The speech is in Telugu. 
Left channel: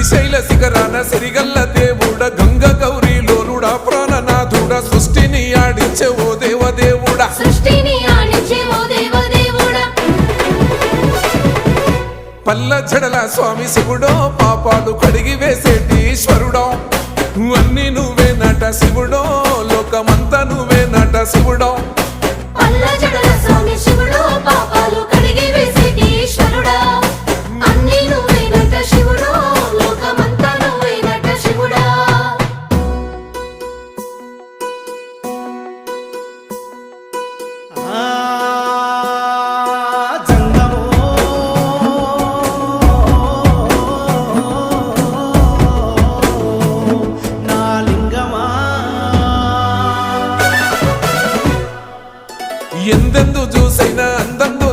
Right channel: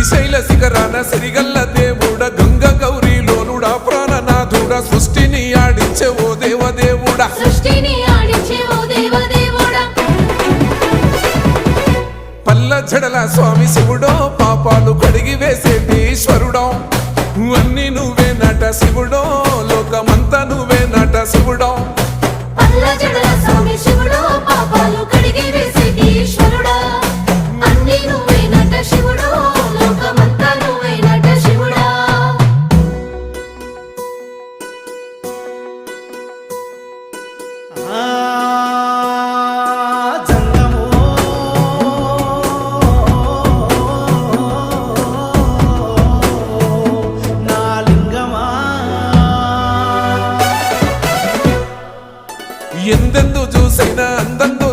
శ్రీశైల శిఖరాన సిరిగల్ల దేవుడ గంగ గౌరీ లోలుడా ప్రాణనాథుడా సృష్టిని ఆడించే ఓ దేవదేవుడా పల్ల జడల స్వామి శివుడో పాపాలు కడిగి వేసేటి ఈశ్వరుడో అన్ని నువ్వే నట శివుడో లోకమంతా నువ్వే నట శివుడో ఎందెందు చూసైనా అందందు